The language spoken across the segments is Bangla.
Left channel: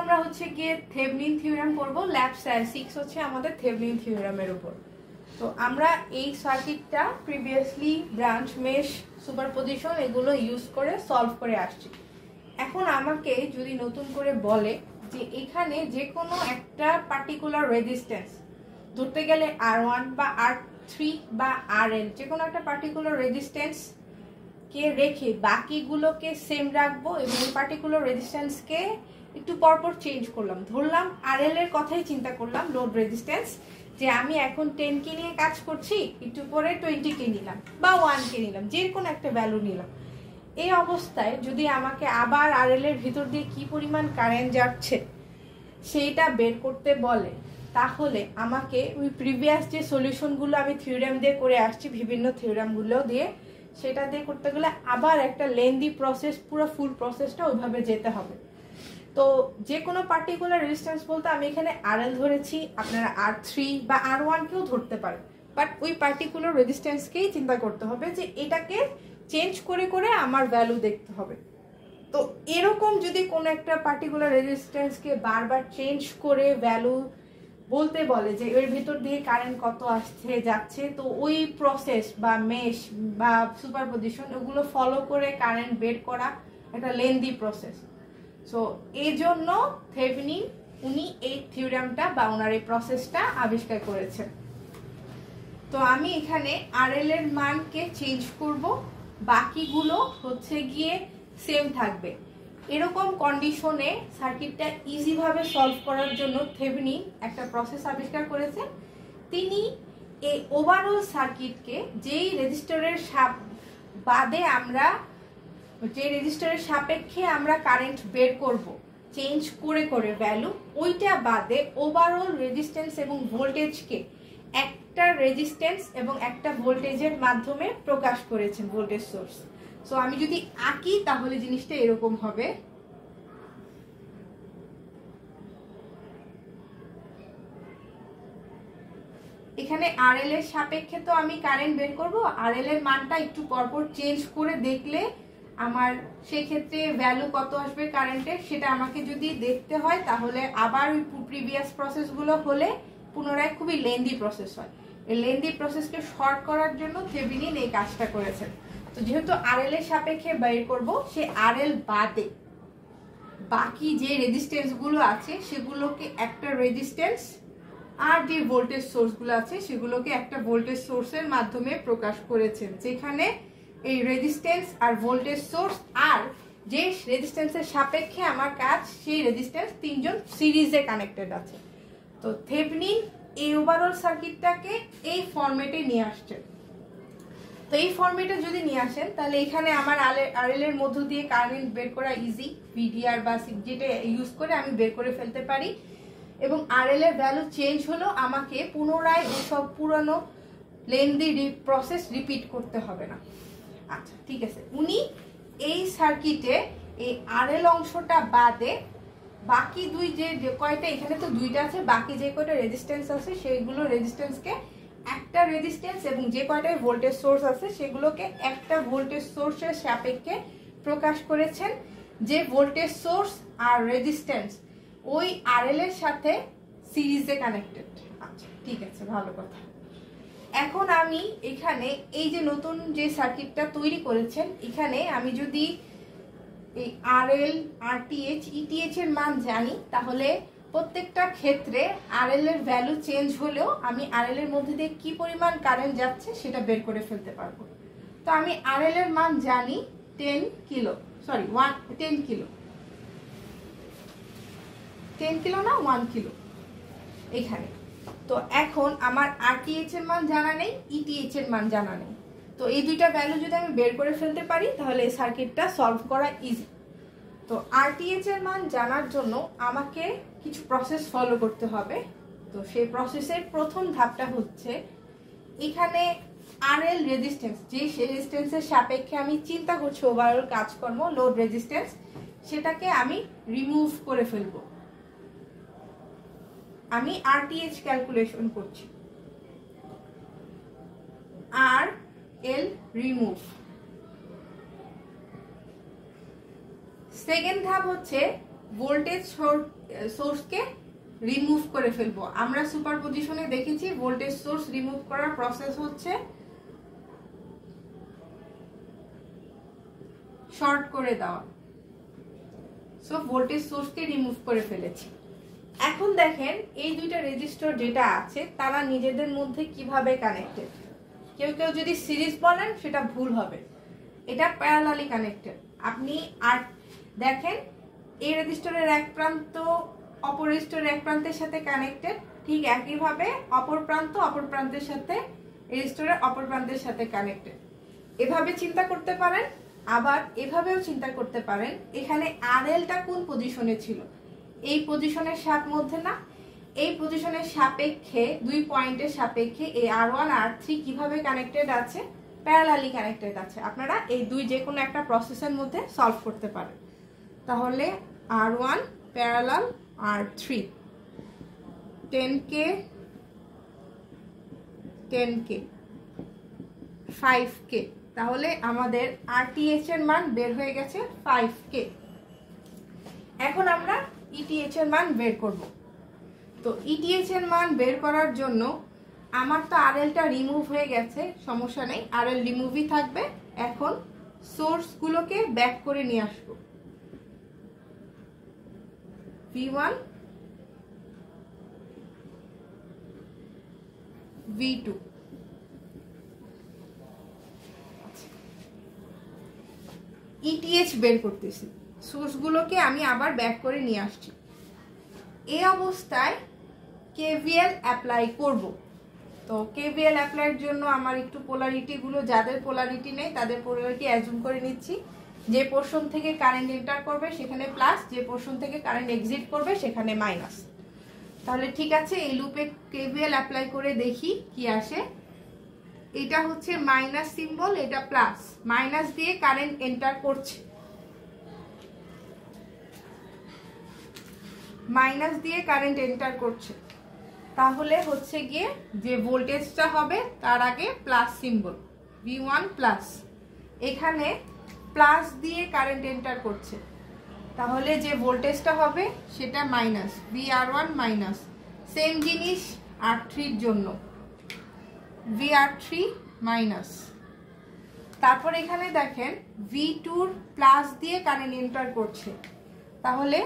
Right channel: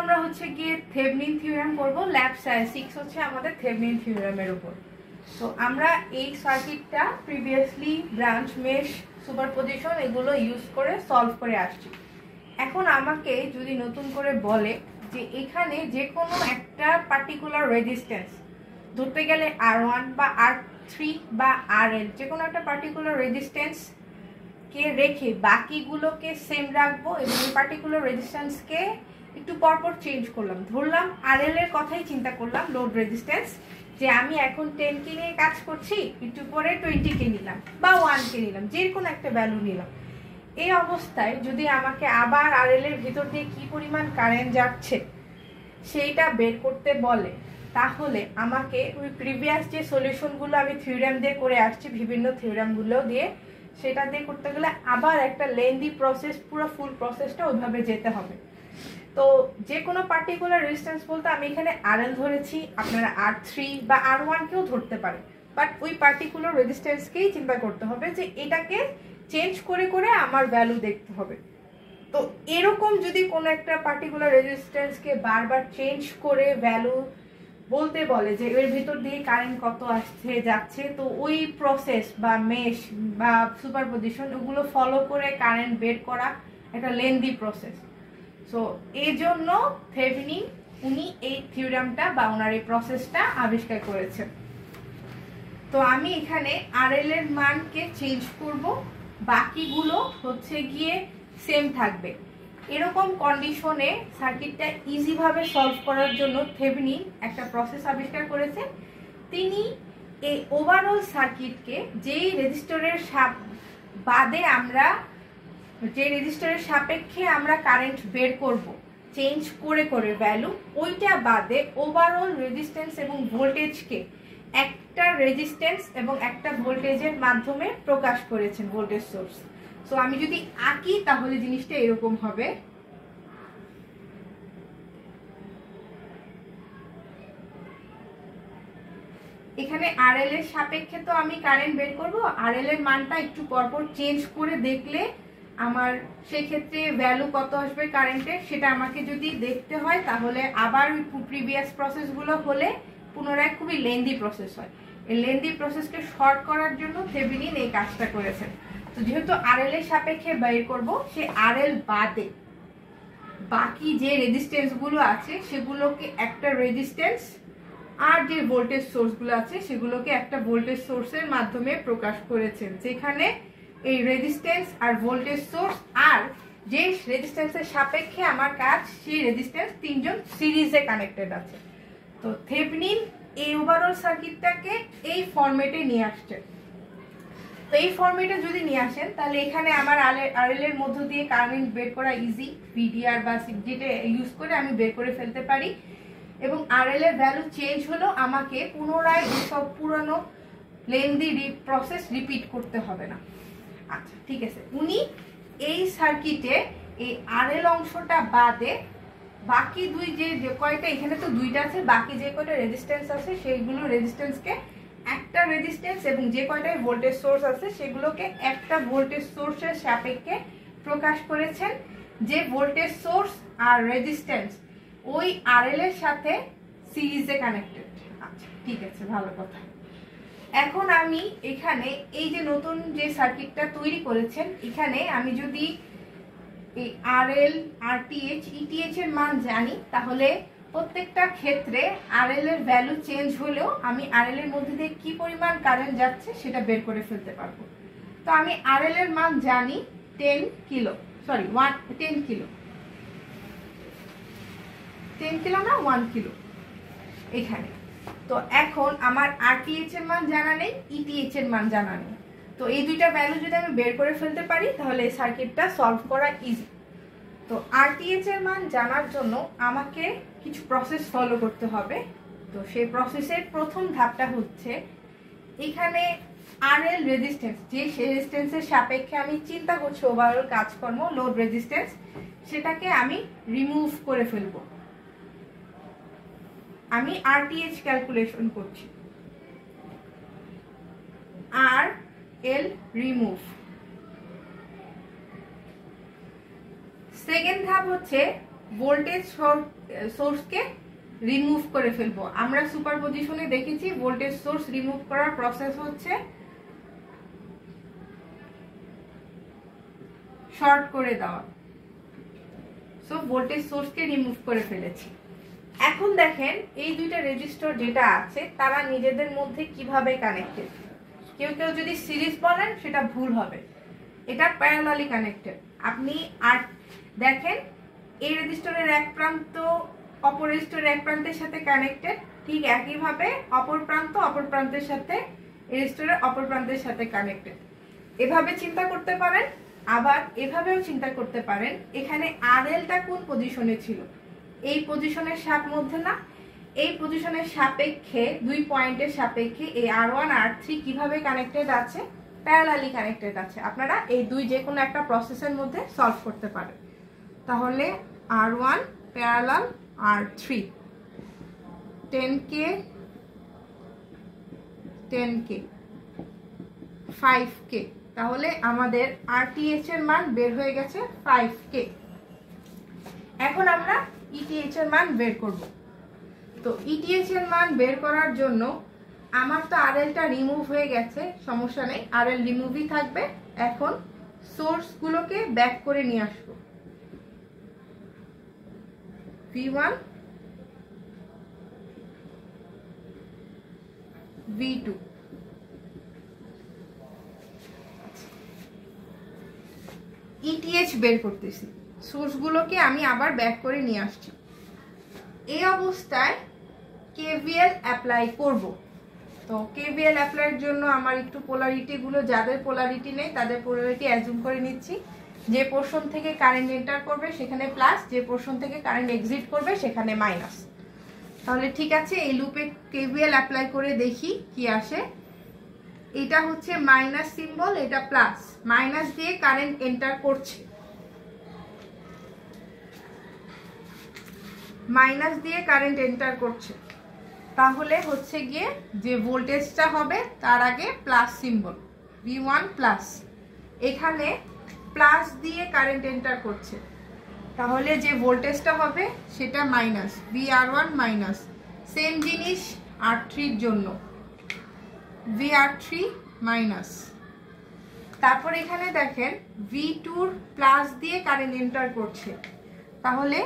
আমরা হচ্ছে গিয়ে থেভেনিন থিওরেম করব। ল্যাব 6 হচ্ছে আমাদের থেভেনিন থিওরেমের উপর। তো আমরা এই সার্কিটটা প্রিভিয়াসলি ব্রাঞ্চ মেশ সুপারপজিশন এগুলো ইউজ করে সলভ করে আসছি। এখন আমাকে যদি নতুন করে বলে যে এখানে যে কোনো একটা পার্টিকুলার রেজিস্ট্যান্স, ধরতে গেলে R1 বা R3 বা RL, যে কোনো একটা পার্টিকুলার রেজিস্ট্যান্স কে রেখে বাকিগুলোকে সেম রাখবো এবং পার্টিকুলার রেজিস্ট্যান্সকে একটু পরপর চেঞ্জ করলাম। ধরলাম RL এর কথাই চিন্তা করলাম, লোড রেজিস্ট্যান্স, যে আমি এখন 10 কে নিয়ে কাজ করছি, একটু পরে 20 কে নিলাম বা 1 কে নিলাম, যে কোনো একটা ভ্যালু নিলাম। এই অবস্থায় যদি আমাকে আবার RL এর ভিতর দিয়ে কি পরিমাণ কারেন্ট যাচ্ছে সেইটা বের করতে বলে, তাহলে আমাকে ওই প্রিভিয়াস যে সলিউশনগুলো আমি থিওরেম দিয়ে করে আসছি, বিভিন্ন থিওরেমগুলো দিয়ে, সেটা দিয়ে করতে গেলে আবার একটা লেন্দি প্রসেস, পুরো ফুল প্রসেসটা ওইভাবে যেতে হবে। তো যে কোনো পার্টিকুলার রেজিস্ট্যান্স বলতে আমি এখানে RL ধরেছি, আপনারা R3 বা R1 কেও ধরতে পারেন, বাট ওই পার্টিকুলার রেজিস্ট্যান্সকেই চিন্তা করতে হবে যে এটাকে চেঞ্জ করে করে আমার ভ্যালু দেখতে হবে। তো এরকম যদি কোনো একটা পার্টিকুলার রেজিস্ট্যান্সকে বারবার চেঞ্জ করে ভ্যালু বলতে বলে যে এর ভিতর দিয়ে কারেন্ট কত আসছে যাচ্ছে, তো ওই প্রসেস বা মেশ বা সুপারপজিশন ওগুলো ফলো করে কারেন্ট বের করা একটা লেন্দি প্রসেস। সো এই জন্য থেভেনিন উনি এই থিওরেমটা বা ওনার এই প্রসেসটা আবিষ্কার করেছেন। তো আমি এখানে RL এর মানকে চেঞ্জ করব, বাকিগুলো হচ্ছে গিয়ে সেম থাকবে। এরকম কন্ডিশনে সার্কিটটা ইজি ভাবে সলভ করার জন্য থেভেনিন একটা প্রসেস আবিষ্কার করেছেন। তিনি এই ওভারঅল সার্কিটকে যেই রেজিস্টরের বাদে আমরা, যে রেজিস্টরের সাপেক্ষে আমরা কারেন্ট বের করব চেঞ্জ করে করে ভ্যালু, ওইটা বাদে ওভারঅল রেজিস্ট্যান্স এবং ভোল্টেজকে একটা রেজিস্ট্যান্স এবং একটা ভোল্টেজের মাধ্যমে প্রকাশ করেছেন, ভোল্টেজ সোর্স। সো আমি যদি আঁকি তাহলে জিনিসটা এরকম হবে। এখানে RL এর সাপেক্ষে তো আমি কারেন্ট বের করব, RL এর মানটা একটু পরপর চেঞ্জ করে দেখলে আমার সেই ক্ষেত্রে ভ্যালু কত আসবে কারেন্টের সেটা আমাকে যদি দেখতে হয়, তাহলে আবার প্রিভিয়াস প্রসেসগুলো হলে পুনরায় খুবই লেন্দি প্রসেস হয়। এই লেন্দি প্রসেসকে শর্ট করার জন্য থেভেনিন এই কাজটা করেছেন। তো যেহেতু RL এর সাপেক্ষে বের করব, সে RL বাদে বাকি যে রেজিস্ট্যান্স গুলো আছে সেগুলোকে একটা রেজিস্ট্যান্স, আর যে ভোল্টেজ সোর্সগুলো আছে সেগুলোকে একটা ভোল্টেজ সোর্সের মাধ্যমে প্রকাশ করেছেন, যেখানে এই রেজিস্ট্যান্স আর ভোল্টেজ সোর্স আর যে রেজিস্ট্যান্সের সাপেক্ষে আমার কাজ, সেই রেজিস্ট্যান্স তিনজন সিরিজে কানেক্টেড আছে। তো থেভেনিন এই ওভারঅল সার্কিটটাকে এই ফরম্যাটে নিয়ে আসছেন। তো এই ফরম্যাটে যদি নিয়ে আসেন তাহলে এখানে আমার RL এর মধ্য দিয়ে কারেন্ট বের করা ইজি, VDR বা যেটা ইউজ করে আমি বের করে ফেলতে পারি, এবং RL এর ভ্যালু চেঞ্জ হলো আমাকে পুনরায় সব পুরনো লেন্দি প্রসেস রিপিট করতে হবে না। আচ্ছা ঠিক আছে, উনি এই সার্কিটে এই RL অংশটা বাদে বাকি দুই যে কয়টা, এখানে তো দুইটা আছে, বাকি যে কয়টা রেজিস্ট্যান্স আছে সেইগুলো রেজিস্ট্যান্সকে একটা রেজিস্ট্যান্স এবং যে কয়টা ভোল্টেজ সোর্স আছে সেগুলোকে একটা ভোল্টেজ সোর্সের সাপেক্ষে প্রকাশ করেছেন, যে ভোল্টেজ সোর্স আর রেজিস্ট্যান্স ওই RL এর সাথে সিরিজে কানেক্টেড। আচ্ছা ঠিক আছে, ভালো কথা। এখন আমি এখানে এই যে নতুন যে সার্কিটটা তৈরি করেছেন, এখানে আমি যদি এই RL, RTH, ETH এর মান জানি, তাহলে প্রত্যেকটা ক্ষেত্রে RL এর ভ্যালু চেঞ্জ হলেও আমি RL এর মধ্যে দিয়ে কি পরিমাণ কারেন্ট যাচ্ছে সেটা বের করে ফেলতে পারবো। তো আমি RL এর মান জানি 10 কিলো, সরি 10 কিলো, 10 কিলো না 1 কিলো এখানে। তো এখন আমার RTH এর মান জানা নেই, ETH এর মান জানা নেই। তো এই দুইটা ভ্যালু যদি আমি বের করে ফেলতে পারি তাহলে এই সার্কিটটা সলভ করা ইজি। তো RTH এর মান জানার জন্য আমাকে কিছু প্রসেস ফলো করতে হবে। তো সেই প্রসেসের প্রথম ধাপটা হচ্ছে, এখানে RL রেজিস্ট্যান্স, যে রেজিস্ট্যান্সের সাপেক্ষে আমি চিন্তা করছি ওভারঅল কাজকর্ম, লোড রেজিস্ট্যান্স, সেটাকে আমি রিমুভ করে ফেলবো। আমি RTH ক্যালকুলেশন করছি, RL রিমুভ। সেকেন্ড ধাপ হচ্ছে ভোল্টেজ সোর্সকে রিমুভ করে ফেলবো। আমরা সুপারপজিশনে দেখেছি ভোল্টেজ সোর্স রিমুভ করার প্রসেস হচ্ছে শর্ট করে দেওয়া। সো ভোল্টেজ সোর্সকে রিমুভ করে ফেলেছি। এখন দেখেন এই দুইটা রেজিস্টর যেটা আছে তারা নিজেদের মধ্যে কিভাবে কানেক্টেড। কেউ কেউ যদি সিরিজ বলেন সেটা ভুল হবে, এটা প্যারালালি কানেক্টেড। আপনি আর দেখেন এই রেজিস্টরের এক প্রান্ত অপর রেজিস্টরের এক প্রান্তের সাথে কানেক্টেড, ঠিক একইভাবে অপর প্রান্তের সাথে রেজিস্টরের অপর প্রান্তের সাথে কানেক্টেড। এভাবে চিন্তা করতে পারেন, আবার এভাবেও চিন্তা করতে পারেন এখানে আরএলটা কোন পজিশনে ছিল, এই পজিশনের মধ্যে না, এই পজিশনের সাপেক্ষে দুই পয়েন্টের সাপেক্ষে এই R1 R3 কিভাবে কানেক্টেড আছে, প্যারালালি কানেক্টেড আছে। আপনারা এই দুই যে কোনো একটা প্রসেসের মধ্যে সলভ করতে পারেন। তাহলে R1 parallel R3 10K 5K, তাহলে আমাদের RTH এর মান বের হয়ে গেছে 5K। এখন আমরা ETH এর মান বের করব। তো ETH এর মান বের করার জন্য আমার তো RLটা রিমুভ হয়ে গেছে, সমস্যা নেই, RL রিমুভই থাকবে। এখন সোর্সগুলোকে ব্যাক করে নিয়ে আসবো। V1 V2 ETH বের করতেছি, সোর্সগুলোকে আমি আবার ব্যাক করে নিয়ে আসছি। এই অবস্থায় KVL অ্যাপ্লাই করব। তো KVL অ্যাপ্লাইয়ের জন্য আমার একটু পোলারিটিগুলো, যাদের পোলারিটি নেই তাদের পোলারিটি অ্যাজুম করে নিচ্ছি। যে পোর্শন থেকে কারেন্ট এন্টার করবে সেখানে প্লাস, যে পোর্শন থেকে কারেন্ট এক্সিট করবে সেখানে মাইনাস। তাহলে ঠিক আছে, এই লুপে KVL অ্যাপ্লাই করে দেখি কি আসে। এটা হচ্ছে মাইনাস সিম্বল, এটা প্লাস, মাইনাস দিয়ে কারেন্ট এন্টার করছে, মাইনাস দিয়ে কারেন্ট এন্টার করছে। তাহলে হচ্ছে গিয়ে যে ভোল্টেজটা হবে তার আগে প্লাস সিম্বল V1 প্লাস, এখানে প্লাস দিয়ে কারেন্ট এন্টার করছে, তাহলে যে ভোল্টেজটা হবে সেটা মাইনাস VR1 মাইনাস। সেম জিনিস R3 এর জন্য VR3 মাইনাস। তারপর এখানে দেখেন V2 প্লাস দিয়ে কারেন্ট এন্টার করছে, তাহলে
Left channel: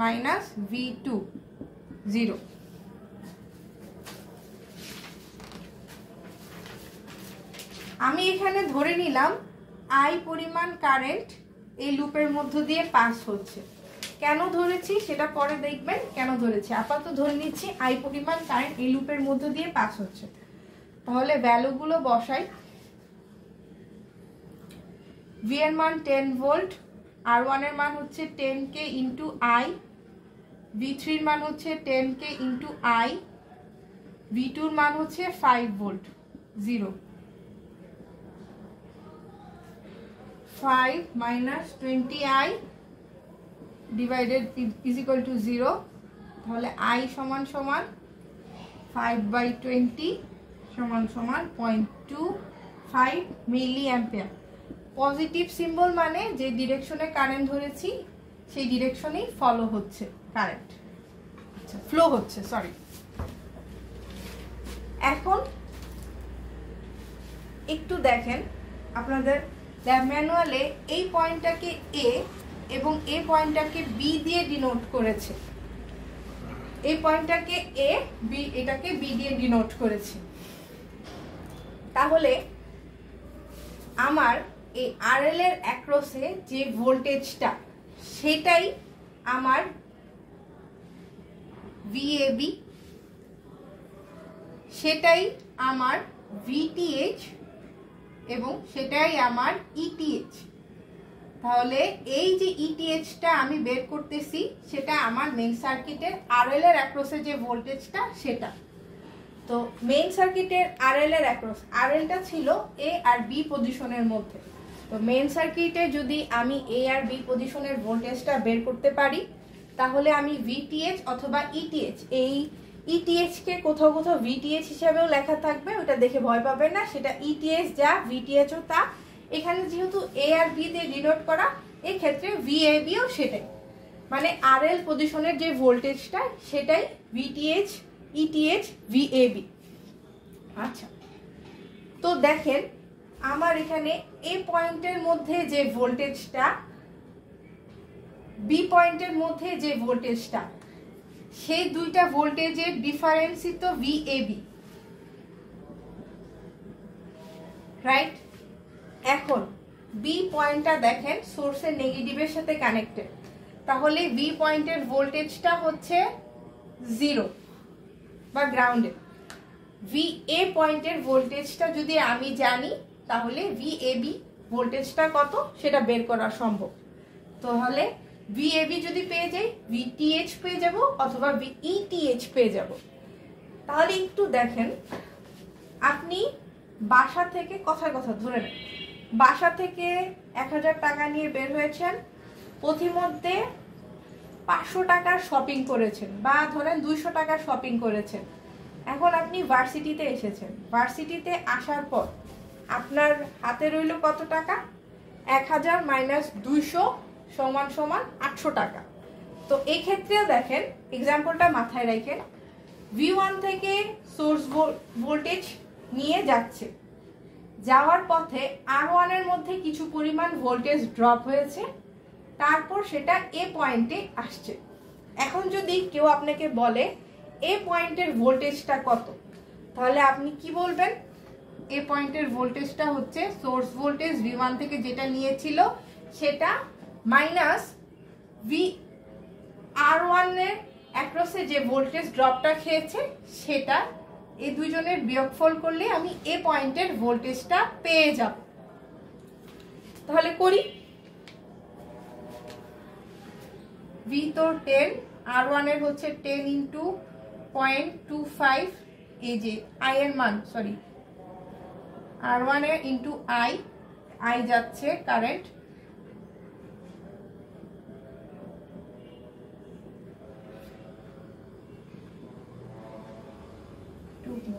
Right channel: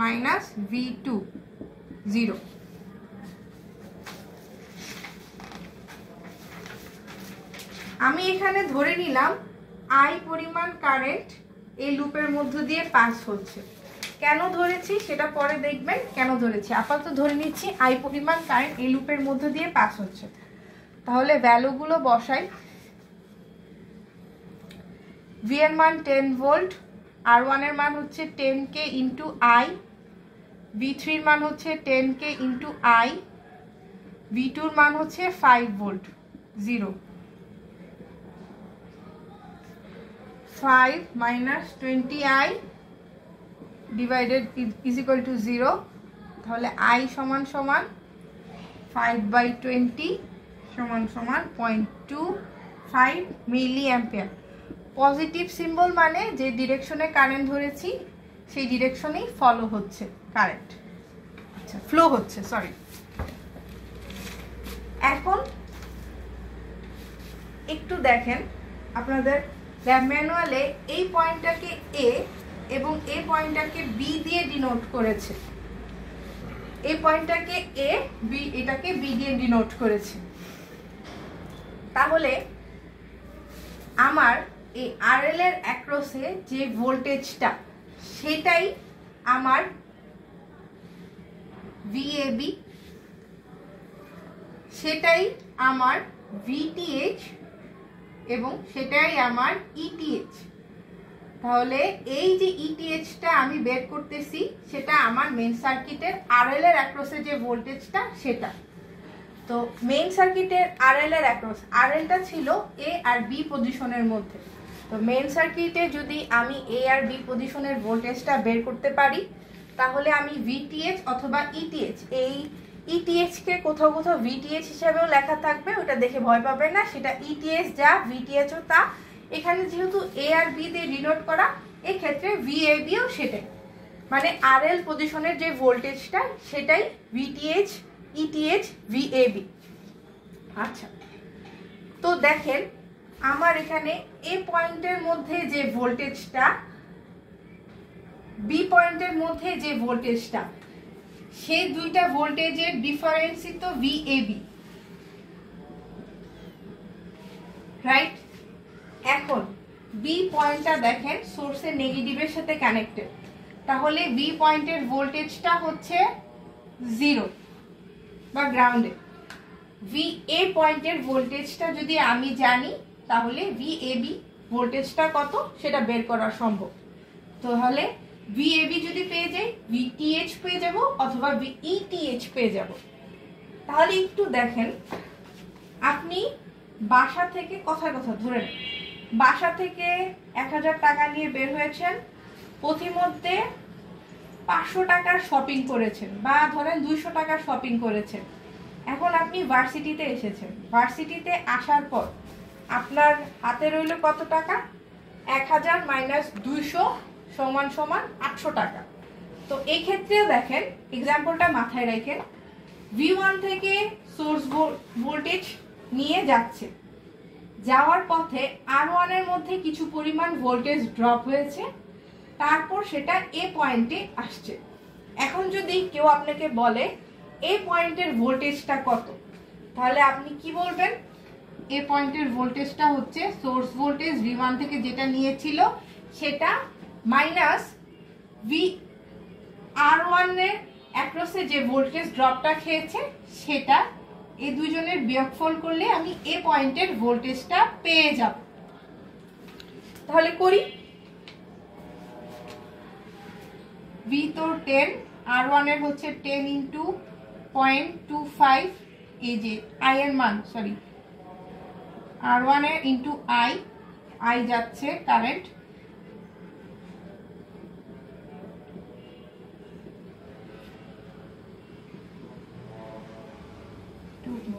মাইনাস V2 0। আমি এখানে ধরে নিলাম I পরিমাণ কারেন্ট এই লুপের মধ্য দিয়ে পাস হচ্ছে। কেন ধরেছি সেটা পরে দেখবেন কেন ধরেছি, আপাতত ধরে নিচ্ছি I পরিমাণ কারেন্ট এই লুপের মধ্য দিয়ে পাস হচ্ছে। তাহলে ভ্যালুগুলো বসাই। V এর মান 10 ভোল্ট, R1 এর মান হচ্ছে 10K ইন্টু I, V3 এর মান হচ্ছে 10K ইন্টু I, V2 এর মান হচ্ছে 5 volt 0। 5 minus 20I divided is equal to 0, তাহলে I সমান সমান 5/20 সমান সমান 0.25 মিলি অ্যাম্পিয়ার। পজিটিভ সিম্বল মানে যে ডিরেকশনে কারেন্ট ধরেছি সেই ডিরেকশনেই ফলো হচ্ছে কারেন্ট, আচ্ছা ফ্লো হচ্ছে, সরি। এখন একটু দেখেন আপনাদের ল্যাব ম্যানুয়ালে এই পয়েন্টটাকে A এবং এই পয়েন্টটাকে B দিয়ে ডিনোট করেছে, এই পয়েন্টটাকে A, B, এটাকে B দিয়ে ডিনোট করেছে। তাহলে আমার এই RL এর অ্যাক্রসে যে ভোল্টেজটা সেটাই আমার VAB, সেটাই আমার VTH এবং সেটাই আমার ETH। তাহলে এই যে ETHটা আমি বের করতেছি সেটা আমার মেইন সার্কিটের RL এর অ্যাক্রসে যে ভোল্টেজটা সেটা। তো মেইন সার্কিটের RL এর অ্যাক্রস, RLটা ছিল A আর B পজিশনের মধ্যে। তো মেইন সার্কিটে যদি আমি A আর B পজিশনের ভোল্টেজটা বের করতে পারি তাহলে আমি VTH অথবা ETH, এই ETH কে কোথাও কোথাও VTH হিসেবেও লেখা থাকবে, ওটা দেখে ভয় পাবেন না, সেটা ETH যা VTH ও তা। এখানে যেহেতু A আর B দিয়ে ডিনোট করা, এই ক্ষেত্রে VAB ও সেটাই। মানে আরএল পজিশনের যে ভোল্টেজটা সেটাই ভিটিএইচ, ইটিএইচ, ভিএবি। আচ্ছা, তো দেখেন আমার এখানে এ পয়েন্টের মধ্যে যে ভোল্টেজটা, বি পয়েন্টের মধ্যে যে ভোল্টেজটা, সেই দুইটা ভোল্টেজের ডিফারেন্সই তো ভিএবি, রাইট? এখন বি পয়েন্টটা দেখেন সোর্সের নেগেটিভের সাথে কানেক্টেড, তাহলে বি পয়েন্টের ভোল্টেজটা হচ্ছে 0 বা গ্রাউন্ডে। ভি এ পয়েন্টের ভোল্টেজটা যদি আমি জানি তাহলে ভিএবি ভোল্টেজটা কত সেটা বের করা সম্ভব। তাহলে ভিএবি যদি পেয়ে যাই, ভিটিএইচ পেয়ে যাব অথবা ভিইটিএইচ পেয়ে যাব। তাহলে একটু দেখেন, আপনি বাসা থেকে কথার কথা ধরে নেন, বাসা থেকে 1000 টাকা নিয়ে বের হয়েছেন, পথিমধ্যে 500 টাকার শপিং করেছেন বা ধরেন 200 টাকার শপিং করেছেন। এখন আপনি ভার্সিটিতে এসেছেন, ভার্সিটিতে আসার পর আপনার হাতে রইল কত টাকা? 1000 মাইনাস 200 সমান সমান 800 টাকা। তো এই ক্ষেত্রেও দেখেন, এক্সাম্পলটা মাথায় রাখেন, V1 থেকে সোর্স ভোল্টেজ নিয়ে যাচ্ছে, যাওয়ার পথে R1 এর মধ্যে কিছু পরিমাণ ভোল্টেজ ড্রপ হয়েছে, তারপর সেটা এ পয়েন্টে আসছে। এখন যদি কেউ আপনাকে বলে এ পয়েন্টের ভোল্টেজটা কত, তাহলে আপনি কি বলবেন? এ পয়েন্টের ভোল্টেজটা হচ্ছে সোর্স ভোল্টেজ V1 থেকে যেটা নিয়েছিল সেটা মাইনাস ভি R1 এর অ্যাক্রসে যে ভোল্টেজ ড্রপটা খেয়েছে সেটা, এই দুইজনের বিয়োগফল করলে আমি এ পয়েন্টের ভোল্টেজটা পেয়ে যাব। তাহলে করি, V তো 10, R1 এর হচ্ছে 10 ইন্টু 0.25, এই যে I এর মান, সরি R1 এর ইন্টু I যাচ্ছে কারেন্ট,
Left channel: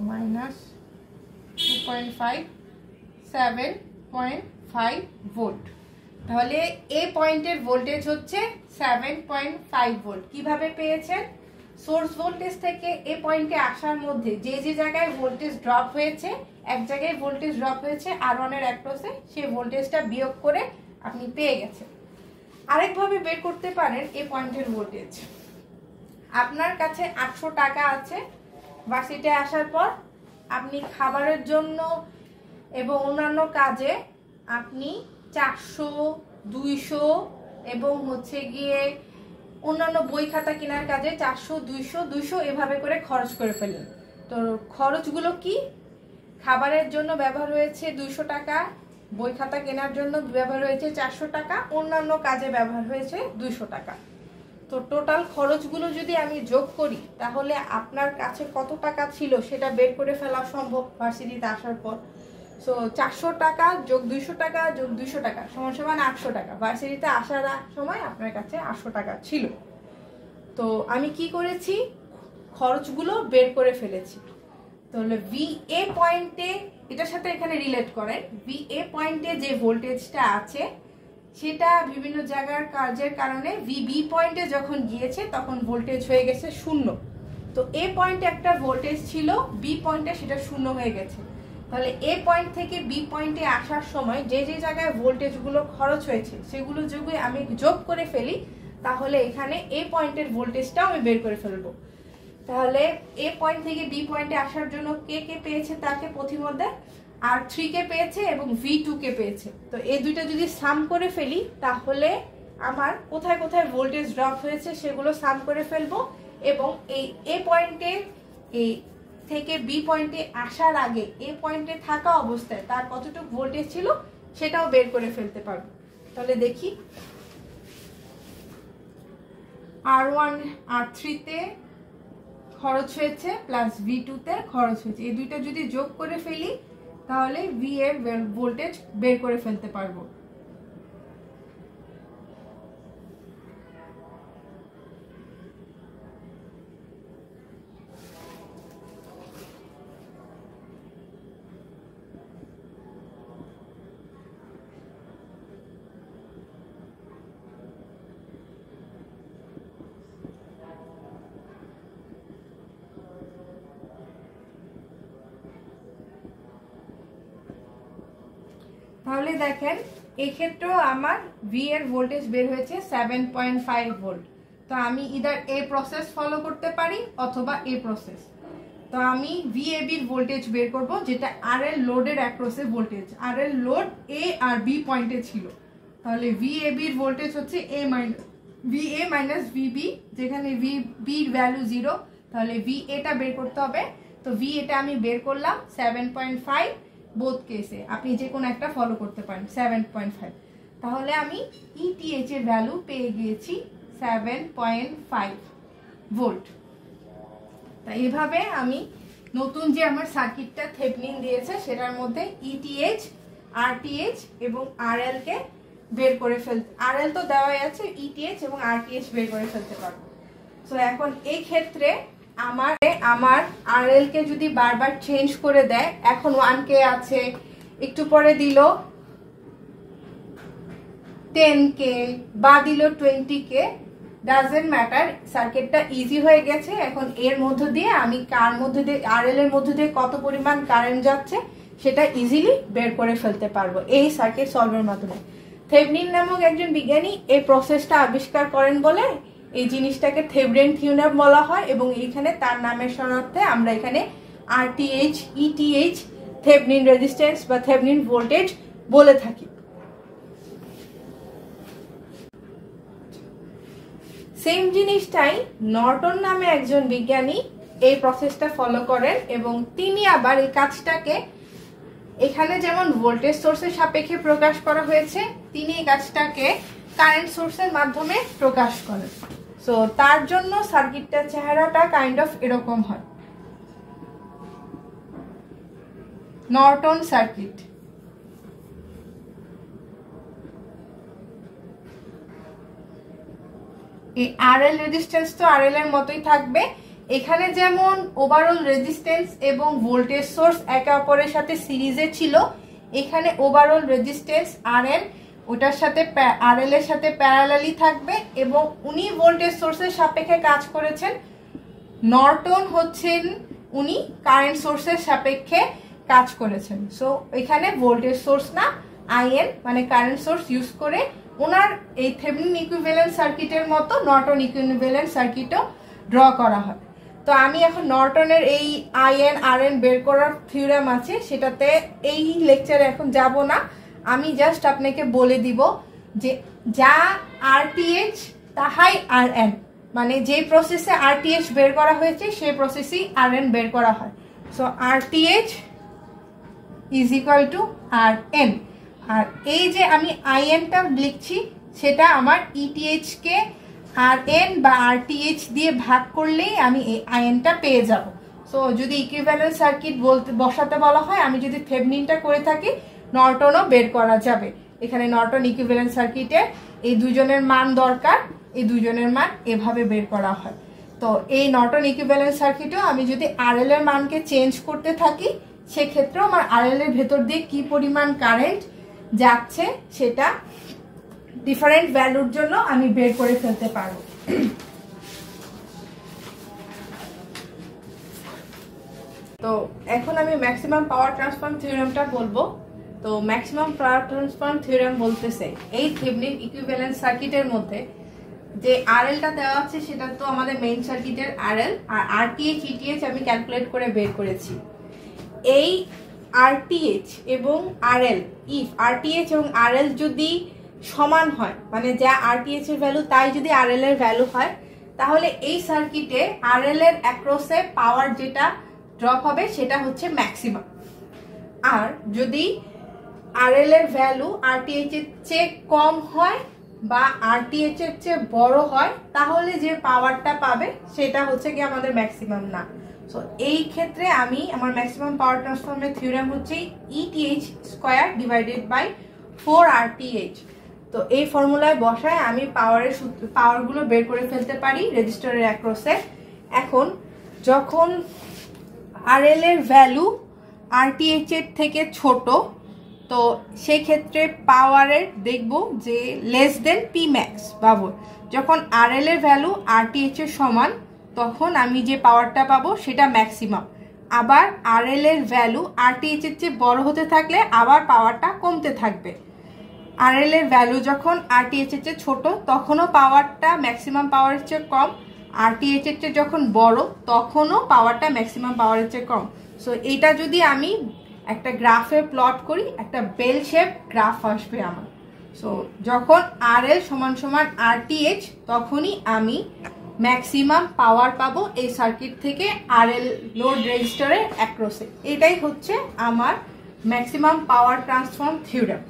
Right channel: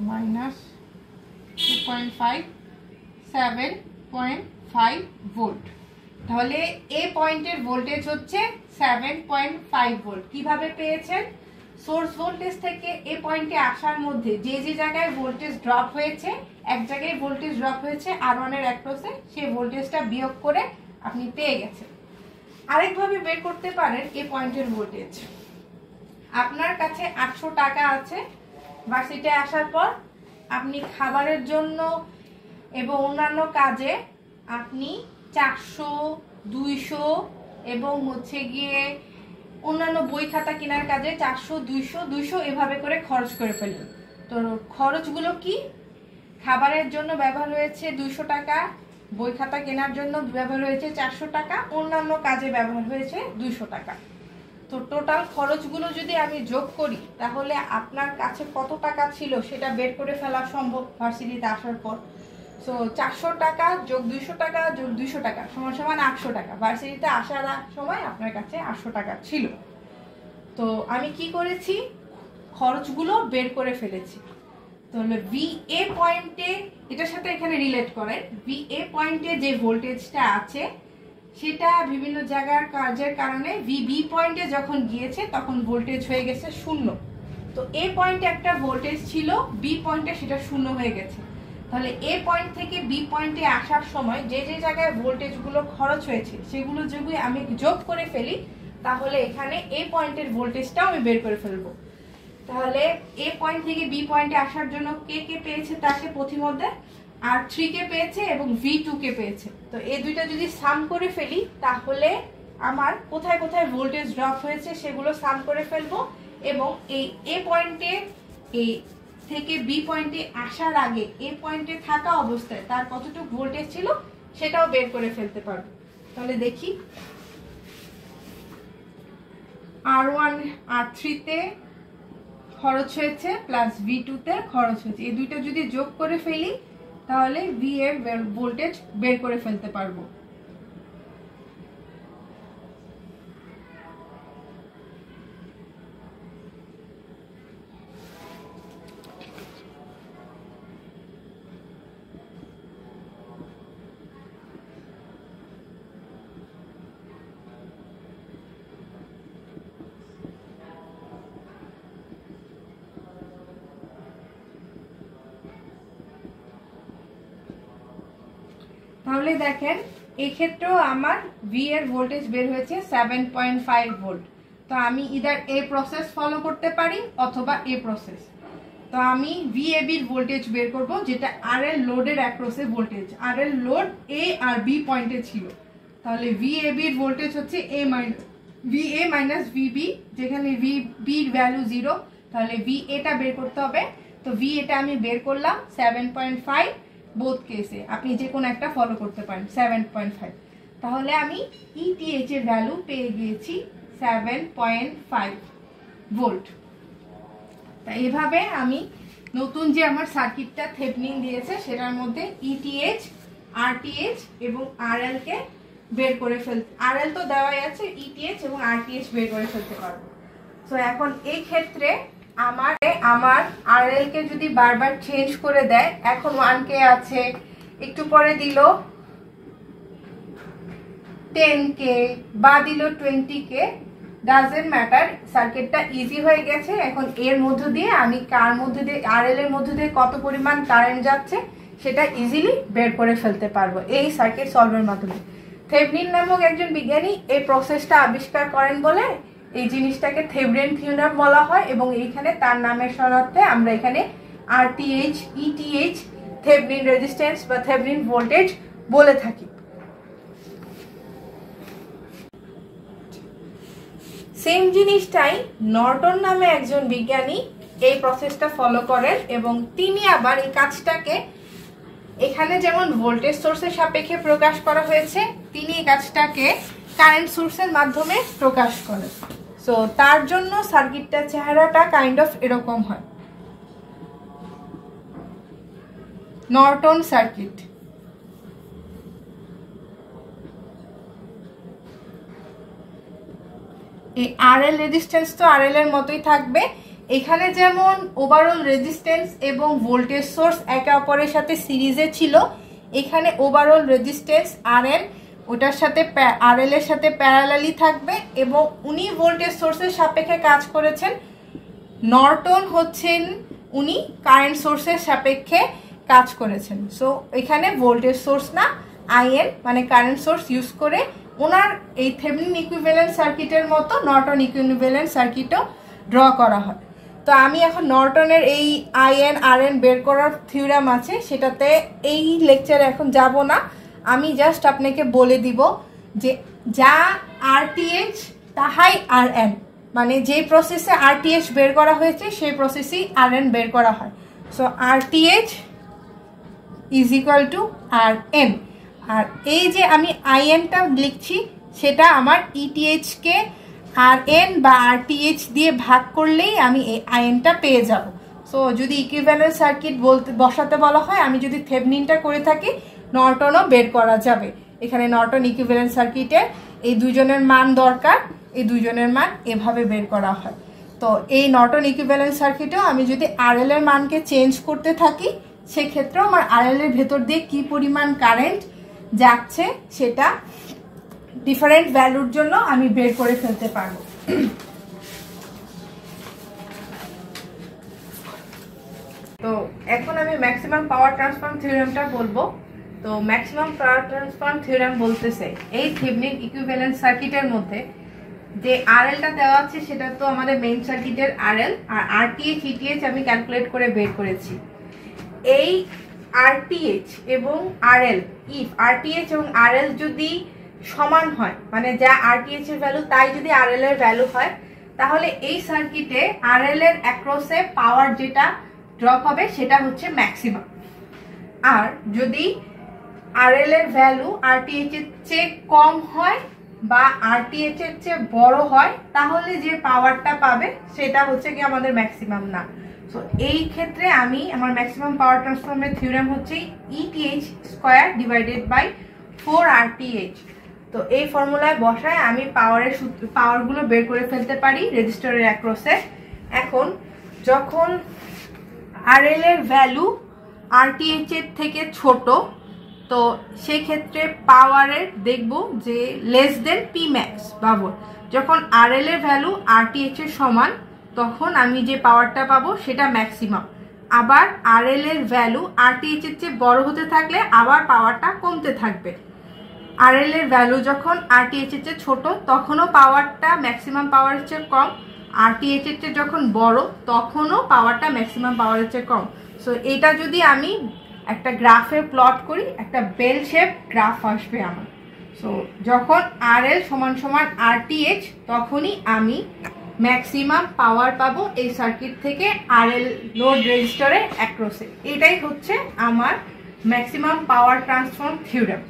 মাইনাস 2.5, 7.5 ভোল্ট। তাহলে এ পয়েন্টের ভোল্টেজ হচ্ছে 7.5 ভোল্ট। কিভাবে পেয়েছেন? সোর্স ভোল্টেজ থেকে এ পয়েন্টে আসার মধ্যে যে যে জায়গায় ভোল্টেজ ড্রপ হয়েছে, এক জায়গায় ভোল্টেজ ড্রপ হয়েছে R1 এর অ্যাক্রসে, সেই ভোল্টেজটা বিয়োগ করে আপনি পেয়ে গেছেন। আরেকভাবে বের করতে পারেন এ পয়েন্টের ভোল্টেজ। আপনার কাছে 800 টাকা আছে, ভার্সিটিতে আসার পর আপনি খাবারের জন্য এবং অন্যান্য কাজে আপনি 400, 200 এবং হচ্ছে গিয়ে অন্যান্য বই খাতা কেনার কাজে 400, 200 এভাবে করে খরচ করে ফেললেন। তো খরচগুলো কি? খাবারের জন্য ব্যবহার হয়েছে 200 টাকা, বই খাতা কেনার জন্য ব্যবহার হয়েছে 400 টাকা, অন্যান্য কাজে ব্যবহার হয়েছে 200 টাকা। তো টোটাল খরচগুলো যদি আমি যোগ করি তাহলে আপনার কাছে কত টাকা ছিল সেটা বের করে ফেলা সম্ভব ভার্সিটিতে আসার পর। সো 400 টাকা যোগ 200 টাকা যোগ 200 টাকা সমান সমান 800 টাকা। ভার্সিটিতে আসার সময় আপনার কাছে 800 টাকা ছিল। তো আমি কি করেছি? খরচগুলো বের করে ফেলেছি। তাহলে ভি এ পয়েন্টে, এটার সাথে এখানে রিলেট করেন, ভি এ পয়েন্টে যে ভোল্টেজটা আছে সেটা বিভিন্ন জায়গার কাজের কারণে বি পয়েন্টে যখন গিয়েছে তখন ভোল্টেজ হয়ে গেছে 0। তো এ পয়েন্টে একটা ভোল্টেজ ছিল, বি পয়েন্টে সেটা 0 হয়ে গেছে। তাহলে এ পয়েন্ট থেকে বি পয়েন্টে আসার সময় যে যে জায়গায় ভোল্টেজগুলো খরচ হয়েছে সেগুলো যদি আমি যোগ করে ফেলি তাহলে এখানে এ পয়েন্টের ভোল্টেজটাও আমি বের করে ফেলবো। তাহলে এ পয়েন্ট থেকে বি পয়েন্টে আসার জন্য কে কে পেয়েছে তাকে পথিমধ্যে R3 কে পেয়েছে এবং V2 কে পেয়েছে। তো এই দুইটা যদি সাম করে ফেলি তাহলে আমার কোথায় কোথায় ভোল্টেজ ড্রপ হয়েছে সেগুলো সাম করে ফেলবো এবং এই এ পয়েন্টে এই থেকে বি পয়েন্টে আসার আগে এ পয়েন্টে থাকা অবস্থায় তার কতটুকু ভোল্টেজ ছিল সেটাও বের করে ফেলতে পারবো। তাহলে দেখি, R1 R3 তে খরচ হয়েছে প্লাস V2 তে খরচ হয়েছে, এই দুইটা যদি যোগ করে ফেলি তাহলে V এর ভোল্টেজ বের করে ফেলতে পারবো। তাহলে দেখেন এই ক্ষেত্রেও আমার ভি এর ভোল্টেজ বের হয়েছে 7.5 ভোল্ট। তো আমি ইদার এই প্রসেস ফলো করতে পারি অথবা এই প্রসেস। তো আমি ভিএবির ভোল্টেজ বের করব, যেটা আরএল লোডের অ্যাক্রসে ভোল্টেজ। আরএল লোড এ আর বি পয়েন্টে ছিল, তাহলে ভিএবির ভোল্টেজ হচ্ছে VA মাইনাস VB, যেখানে VBর ভ্যালু 0, তাহলে VA-টা বের করতে হবে। তো VA-টা আমি বের করলাম 7.5, বোথ কেসে আপনি যে কোনো একটা ফলো করতে পারেন 7.5। তাহলে আমি ETH এর ভ্যালু পেয়ে গিয়েছি 7.5 ভোল্ট। তা এইভাবে আমি নতুন যে আমার সার্কিটটা থেভনিন দিয়েছে সেটার মধ্যে ETH, RTH এবং RL কে বের করে ফেলতে, RL তো দেওয়াই আছে, ETH এবং RTH বের করে ফেলতে পারবো। তো এখন এই ক্ষেত্রে আমার RL কে যদি বারবার চেঞ্জ করে দেয়, এখন 1K আছে, একটু পরে দিল 10K বা দিল 20K, ডাজেন্ট ম্যাটার, সার্কিটটা ইজি হয়ে গেছে। এখন এর মধ্য দিয়ে আমি RL এর মধ্য দিয়ে কত পরিমাণ কারেন্ট যাচ্ছে সেটা ইজিলি বের করে ফেলতে পারবো এই সার্কিট সলভারের মাধ্যমে। থেভনিন নামক একজন বিজ্ঞানী এই প্রসেসটা আবিষ্কার করেন বলে এই জিনিসটাকে থেভনিন থিওরাম বলা হয়, এবং এইখানে তার নামের শরণার্থে আমরা এখানে RTH, ETH, থেভনিন রেজিস্ট্যান্স বা থেভনিন ভোল্টেজ বলে থাকি। সেম জিনিসটাই নর্টন নামে একজন বিজ্ঞানী এই প্রসেসটা ফলো করেন, এবং তিনি আবার এই কাজটাকে এখানে যেমন ভোল্টেজ সোর্সের সাপেক্ষে প্রকাশ করা হয়েছে, তিনি এই কাজটাকে কারেন্ট সোর্সের মাধ্যমে প্রকাশ করেন। সো তার জন্য সার্কিটটার চেহারাটা কাইন্ড অফ এরকম হয়, নর্টন সার্কিট। এই RL রেজিস্ট্যান্স তো RL এর মতোই থাকবে, এখানে যেমন ওভারঅল রেজিস্ট্যান্স এবং ভোল্টেজ সোর্স একে অপরের সাথে সিরিজে ছিল, এখানে ওভারঅল রেজিস্ট্যান্স RL ওটার সাথে RL এর সাথে প্যারালালি থাকবে, এবং উনি ভোল্টেজ সোর্সের সাপেক্ষে কাজ করেছেন। নর্টন হচ্ছেন উনি কারেন্ট সোর্সের সাপেক্ষে কাজ করেছেন। সো এখানে ভোল্টেজ সোর্স না, IN মানে কারেন্ট সোর্স ইউজ করে ওনার এই থেভনিন ইকুইভ্যালেন্ট সার্কিটের মতো নর্টন ইকুইভ্যালেন্ট সার্কিটও ড্র করা হয়। তো আমি এখন নর্টনের এই IN RN বের করার থিওরাম আছে, সেটাতে এই লেকচারে এখন যাব না, আমি জাস্ট আপনাকে বলে দিব যে যা RTH তাহাই RN, মানে যে প্রসেসে RTH বের করা হয়েছে সেই প্রসেসেই RN বের করা হয়। So RTH is equal to RN, আর এই যে আমি IN-টা লিখছি সেটা আমার ETH কে RN বা RTH দিয়ে ভাগ করলেই আমি এই IN-টা পেয়ে যাব। সো যদি ইকুইভ্যালেন্ট সার্কিট বসাতে বলা হয়, আমি যদি থেভনিনটা করে থাকি, নর্টনও বের করা যাবে। এখানে নর্টন ইকুইভ্যালেন্ট সার্কিটে এই দুজনের মান দরকার, এই দুজনের মান এভাবে বের করা হয়। তো এই নর্টন ইকুইভ্যালেন্ট সার্কিটেও আমি যদি RL এর মানকে চেঞ্জ করতে থাকি, সেক্ষেত্রেও আমার RL এর ভেতর দিয়ে কি পরিমাণ কারেন্ট যাচ্ছে সেটা ডিফারেন্ট ভ্যালুর জন্য আমি বের করে ফেলতে পারবো। তো এখন আমি ম্যাক্সিমাম পাওয়ার ট্রান্সফার থিওরেমটা বলবো। তো ম্যাক্সিমাম পাওয়ার ট্রান্সফার থিওরেম বলতেছে এই থেভনিন ইকুইভ্যালেন্ট সার্কিটের মধ্যে যে RL-টা দেওয়া আছে সেটা তো আমাদের মেইন সার্কিটের RL, আর RTH ETH আমি ক্যালকুলেট করে বের করেছি। এই RTH এবং RL, ইফ RTH এবং RL যদি সমান হয়, মানে যা RTH এর ভ্যালু তাই যদি RL এর ভ্যালু হয়, তাহলে এই সার্কিটে RL এর অ্যাক্রসে পাওয়ার যেটা ড্রপ হবে সেটা হচ্ছে ম্যাক্সিমাম। আর যদি RL এর ভ্যালু RTH এর চেয়ে কম হয় বা RTH এর চেয়ে বড় হয়, তাহলে যে পাওয়ারটা পাবে সেটা হচ্ছে কি আমাদের ম্যাক্সিমাম না। সো এই ক্ষেত্রে আমি আমার ম্যাক্সিমাম পাওয়ার ট্রান্সফারের থিওরেম হচ্ছে ETH square divided by 4RTH। তো এই ফর্মুলায় বসায় আমি পাওয়ারগুলো বের করে ফেলতে পারি রেজিস্টারের অ্যাক্রসে। এখন যখন RL এর ভ্যালু RTH এর থেকে ছোট, তো সেই ক্ষেত্রে পাওয়ারের দেখব যে লেস দেন Pmax পাবো। যখন RL এর ভ্যালু RTH এর সমান, তখন আমি যে পাওয়ারটা পাবো সেটা ম্যাক্সিমাম। আবার আরএল এর ভ্যালু আরটিএইচ এর চেয়ে বড় হতে থাকলে আবার পাওয়ারটা কমতে থাকবে। আরএল এর ভ্যালু যখন আরটিএইচ এর চেয়ে ছোট তখনও পাওয়ারটা ম্যাক্সিমাম পাওয়ারের চেয়ে কম, আরটিএইচ এর চেয়ে যখন বড় তখনও পাওয়ারটা ম্যাক্সিমাম পাওয়ারের চেয়ে কম। সো এটা যদি আমি একটা গ্রাফে প্লট করি, একটা বেল শেপ গ্রাফ আসবে আমার। সো যখন আরএল সমান সমান আরটিএইচ তখনই আমি ম্যাক্সিমাম পাওয়ার পাবো এই সার্কিট থেকে আরএল লোড রেজিস্টারের অ্যাক্রসে। এটাই হচ্ছে আমার ম্যাক্সিমাম পাওয়ার ট্রান্সফর্ম থিওরেম।